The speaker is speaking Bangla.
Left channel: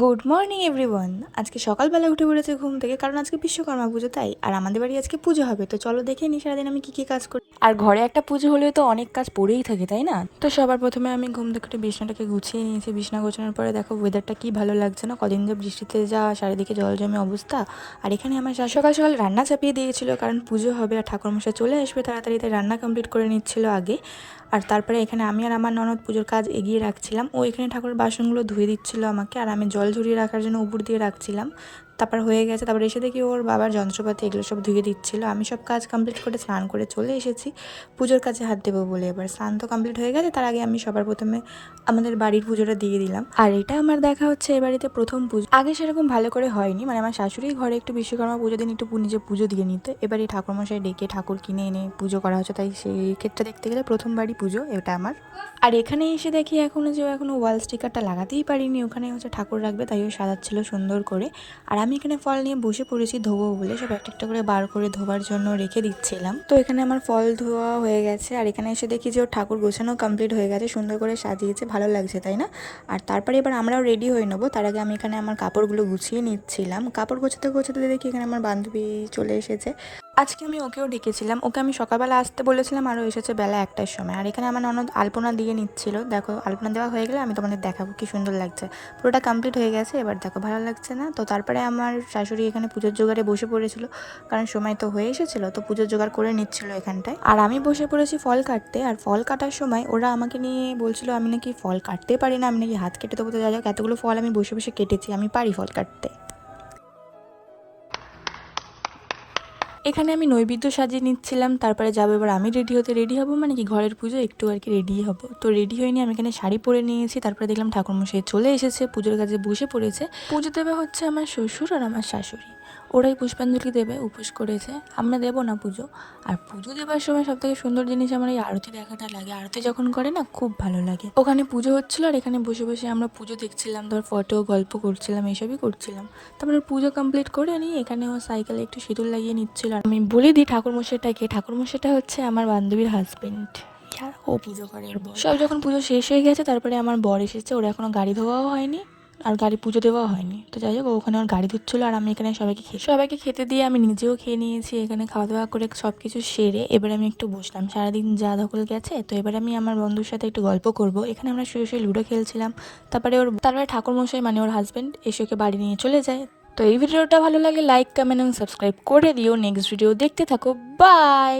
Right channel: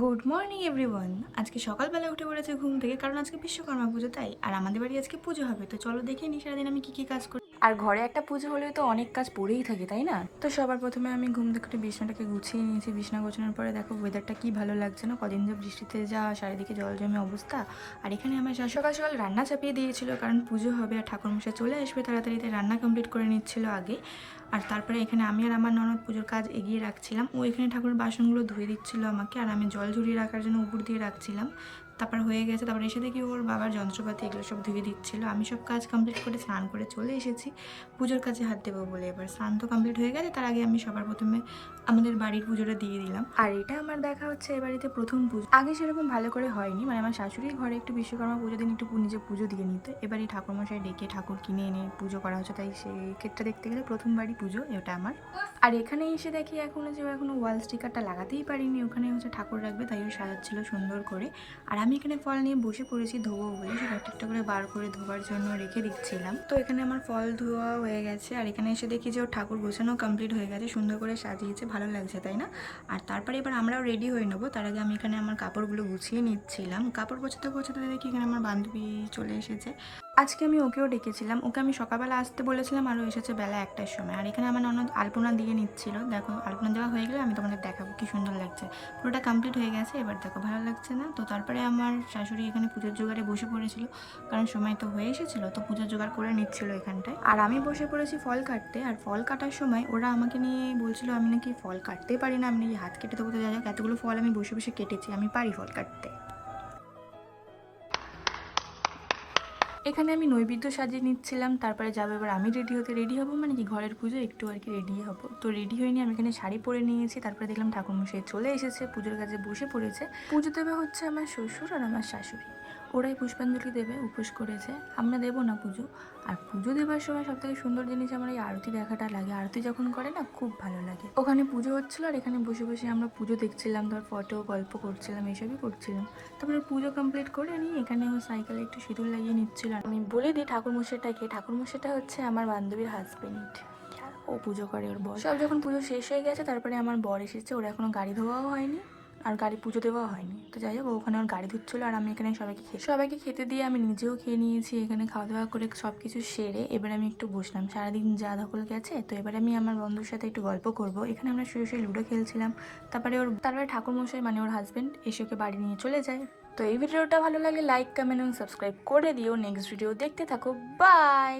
Good morning everyone. আজকে সকালবেলা উঠে পড়েছে ঘুম থেকে, কারণ আজকে বিশ্বকর্মা পুজো, তাই আর আমাদের বাড়ি আজকে পুজো হবে। তো চলো দেখে নিই সারাদিন আমি কী কাজ করি। আর ঘরে একটা পুজো হলেও তো অনেক কাজ পড়েই থাকে, তাই না? তো সবার প্রথমে আমি ঘুম থেকে উঠে বিছনাটাকে গুছিয়ে নিয়েছি। বিছনা গোছানোর পরে দেখো ওয়েদারটা কি ভালো লাগছে না, কদিন যা বৃষ্টিতে যা চারিদিকে জল জমে অবস্থা। আর এখানে আমার সকাল সকাল রান্না চাপিয়ে দিয়েছিল, কারণ পুজো হবে আর ঠাকুরমশাই চলে আসবে তাড়াতাড়ি, তাই রান্না কমপ্লিট করে নিচ্ছিল আগে। আর তারপরে এখানে আমি আর আমার ননদ পুজোর কাজ এগিয়ে রাখছিলাম। ও এখানে ঠাকুরের বাসনগুলো ধুয়ে দিচ্ছিল আমাকে, আর আমি জল ঝরিয়ে রাখার জন্য উপর দিয়ে রাখছিলাম। তারপর হয়ে গেছে, তারপর এসে দেখি ওর বাবার যন্ত্রপাতি এগুলো সব ধুয়ে দিচ্ছিল। আমি সব কাজ কমপ্লিট করে স্নান করে চলে এসেছি পুজোর কাজে হাত দেবো বলে। এবার স্নান তো কমপ্লিট হয়ে গেছে, তার আগে আমি সবার প্রথমে আমাদের বাড়ির পুজোটা দিয়ে দিলাম। আর এটা আমার দেখা হচ্ছে এ বাড়িতে প্রথম পুজো। আগে সেরকম ভালো করে হয়নি, মানে আমার শাশুড়ি ঘরে একটু বিশ্বকর্মা পুজো দিন একটু নিজে পুজো দিয়ে নিত। এবার এই ঠাকুরমশাই ডেকে ঠাকুর কিনে এনে পুজো করা হচ্ছে, তাই সেই ক্ষেত্রে দেখতে গেলে প্রথমবারই পুজো এটা আমার। আর এখানে এসে দেখি এখনো ওয়াল স্টিকারটা লাগাতেই পারিনি, ওখানে হচ্ছে ঠাকুর রাখবে, তাই ও সাজাচ্ছিল সুন্দর করে। আর আমি এখানে ফল নিয়ে বসে পড়েছি ধোবো বলে, সব একটা একটা করে বার করে ধোবার জন্য রেখে দিচ্ছিলাম। তো এখানে আমার ফল ধোয়া হয়ে গেছে, আর এখানে এসে দেখি যে ওর ঠাকুর গোছানো কমপ্লিট হয়ে গেছে, সুন্দর করে সাজিয়েছে, ভালো লাগছে তাই না? আর তারপরে এবার আমরাও রেডি হয়ে নেবো। তার আগে আমি এখানে আমার কাপড়গুলো গুছিয়ে নিচ্ছিলাম। কাপড় গোছাতে গোছাতে দেখি এখানে আমার বান্ধবী চলে এসেছে। আজকে আমি ওকেও ডেকেছিলাম, ওকে আমি সকালবেলা আসতে বলেছিলাম, আরও এসেছে বেলা 1টার সময়। আর এখানে আমার ননদ আলপনা দিয়ে নিচ্ছিল। দেখো আলপনা দেওয়া হয়ে গেলে আমি তোমাদের দেখাবো কি সুন্দর লাগছে। পুরোটা কমপ্লিট হয়ে গেছে, এবার দেখো ভালো লাগছে না? তো তারপরে আমার শাশুড়ি এখানে পুজোর জোগাড়ে বসে পড়েছিল, কারণ সময় তো হয়ে এসেছিলো, তো পুজোর জোগাড় করে নিচ্ছিল এখানটায়। আর আমি বসে পড়েছি ফল কাটতে। আর ফল কাটার সময় ওরা আমাকে নিয়ে বলছিল আমি নাকি ফল কাটতে পারি না, আমি নাকি হাত কেটে দেবো। তো যাই হোক, এতগুলো ফল আমি বসে বসে কেটেছি, আমি পারি ফল কাটতে। এখানে আমি নৈবেদ্য সাজিয়ে নিচ্ছিলাম, তারপরে যাবো এবার আমি রেডি হবো, মানে কি ঘরের পুজো একটু আর কি রেডি হবো। তো রেডি হয়ে নিয়ে আমি এখানে শাড়ি পরে নিয়েছি। তারপরে দেখলাম ঠাকুরমশাই চলে এসেছে, পুজোর কাজে বসে পড়েছে। পুজো দেবে হচ্ছে আমার শ্বশুর আর আমার শাশুড়ি, ওরাই পুষ্পাঞ্জলি দেবে, উপোস করেছে, আমরা দেবো না পুজো। আর পুজো দেওয়ার সময় সব থেকে সুন্দর জিনিস আমার এই আরতি দেখাটা লাগে। আরতি যখন করে না খুব ভালো লাগে। ওখানে পুজো হচ্ছিল আর এখানে বসে বসে আমরা পুজো দেখছিলাম, ধর ফটো গল্প করছিলাম, এইসবই করছিলাম। তারপরে পুজো কমপ্লিট করে নিয়ে এখানে ও সাইকেলে একটু সিঁদুর লাগিয়ে নিচ্ছিল। আমি বলে দিই ঠাকুরমশাইটাকে, ঠাকুরমশাইটা হচ্ছে আমার বান্ধবীর হাজবেন্ড, ও পুজো করে ওর বর। সব যখন পুজো শেষ হয়ে গেছে তারপরে আমার বর এসেছে, ওর এখনো গাড়ি ধোয়াও হয়নি আর গাড়ি পুজো দেওয়াও হয়নি। তো যাই হোক, ওখানে ওর গাড়ি ধুচ্ছিল আর আমি এখানে সবাইকে খেতে দিয়ে আমি নিজেও খেয়ে নিয়েছি। এখানে খাওয়া দাওয়া করে সব কিছু সেরে এবার আমি একটু বসলাম, সারাদিন যা ধকল গেছে। তো এবার আমি আমার বন্ধুর সাথে একটু গল্প করব। এখানে আমরা শুয়ে শুয়ে লুডো খেলছিলাম। তারপরে ঠাকুরমশাই মানে ওর হাজবেন্ড এসে ওকে বাড়ি নিয়ে চলে যায়। তো এই ভিডিওটা ভালো লাগে লাইক কমেন্ট এবং সাবস্ক্রাইব করে দিও। নেক্সট ভিডিও দেখতে থাকো, বাই।